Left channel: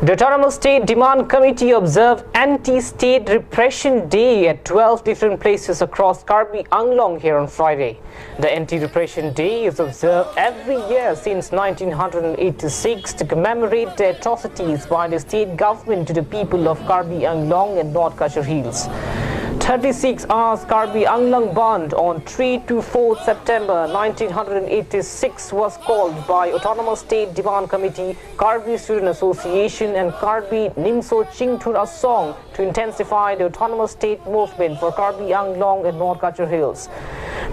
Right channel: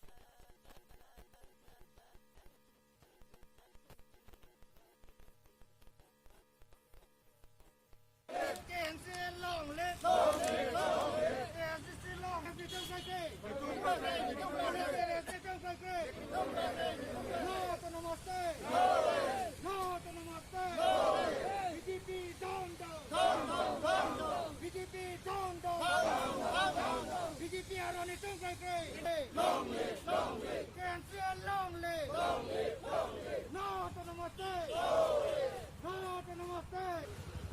The Autonomous State Demand Committee observed Anti-State Repression Day at 12 different places across Karbi Anglong here on Friday. The Anti-Repression Day is observed every year since 1986 to commemorate the atrocities by the state government to the people of Karbi Anglong and North Kachar Hills. 36 hours Karbi Anglong Band on 3 to 4 September 1986 was called by Autonomous State Demand Committee, Karbi Student Association and Karbi Nimso Chingthur Asong to intensify the Autonomous State movement for Karbi Anglong and North Kachar Hills.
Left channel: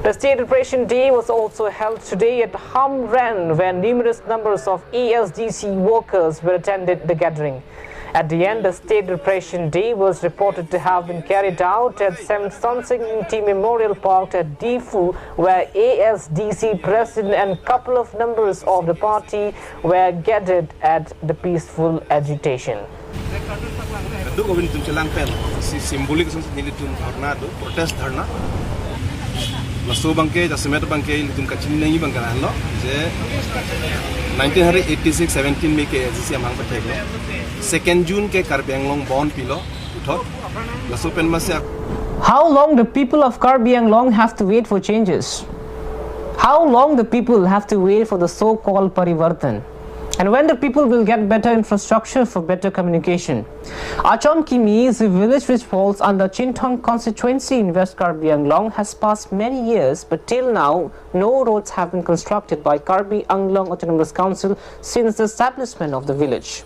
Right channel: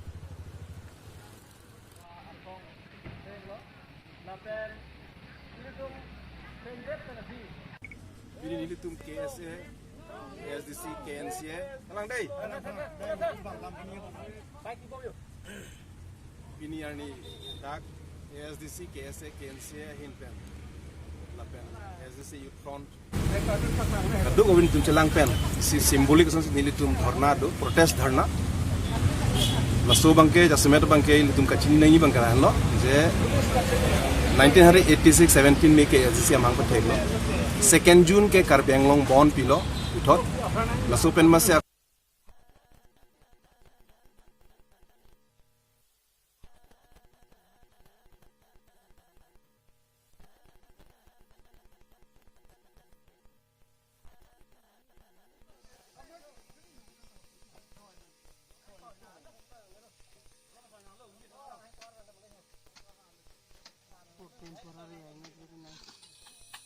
The State Repression Day was also held today at Ham Ren, where numerous numbers of ASDC workers were attended the gathering. At the end, the State Repression Day was reported to have been carried out at Samsung Unity Memorial Park at Difu, where ASDC President and couple of members of the party were gathered at the peaceful agitation. Duk gawin tum celangkan si simbolik sa nilitum dharna do protest dharna laso bangke jasmet bangke litum kachin nahi bangkalan lo je 1986 17 में के जिसे हम पर थे लो 2 जून के Karbi Anglong bond pillow उठो लसो pen में से How long the people of Karbi Anglong have to wait for changes? How long the people have to wait for the so-called Parivartan? And when the people will get better infrastructure for better communication? Achom Kimi is a village which falls under Chintong constituency in West Karbi Anglong has passed many years, but till now no roads have been constructed by Karbi Anglong Autonomous Council since the establishment of the village.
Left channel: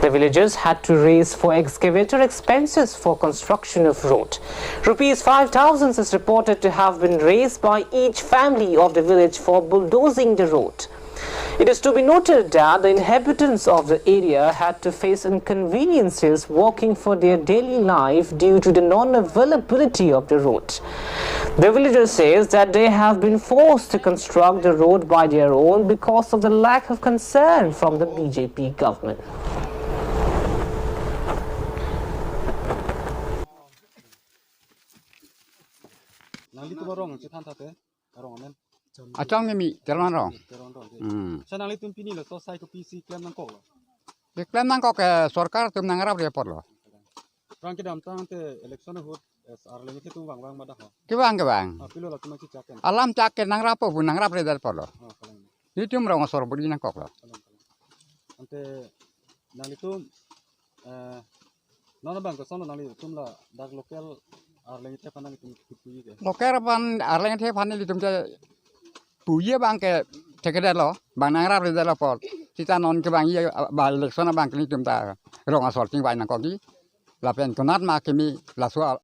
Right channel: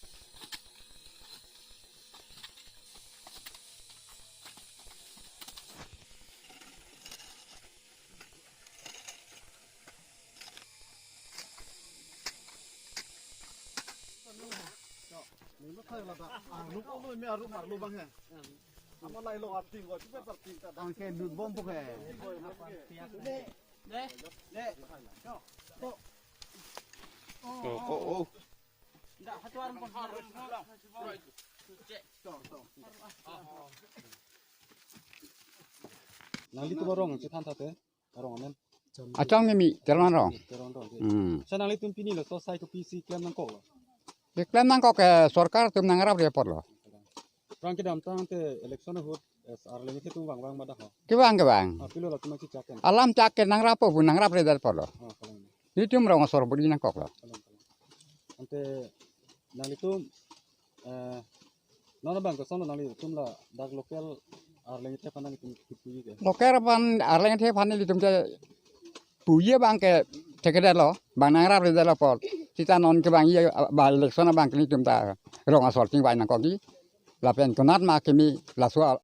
The villagers had to raise for excavator expenses for construction of road. Rupees 5,000 is reported to have been raised by each family of the village for bulldozing the road. It is to be noted that the inhabitants of the area had to face inconveniences walking for their daily life due to the non-availability of the road. The villager says that they have been forced to construct the road by their own because of the lack of concern from the BJP government. Achong mi teron rong. Sana li tum pini lo sosai to PC klaim nang kok lo. Deklam nang kok sarkar tum nang rap report lo. Rang ke dam tang te election hot ar le ke tum wang madah ho. Kibang. Pilo lo tum ki chaken. Alam chaken nang rap bu nang rap report lo. Ni tum rong sor budi nang kok lo. Ante nang li tum nona bang ko sono nang li tum la dak local ar le te panang tum ki ke. Loker pan arleng the pan li tum te puye bang ke tekeder lo bang nang rap report lo por. Kita non ke bang ye ba election bang ni tum ta rong asor ting bai nang kok ki. La pen konat ma kemi la so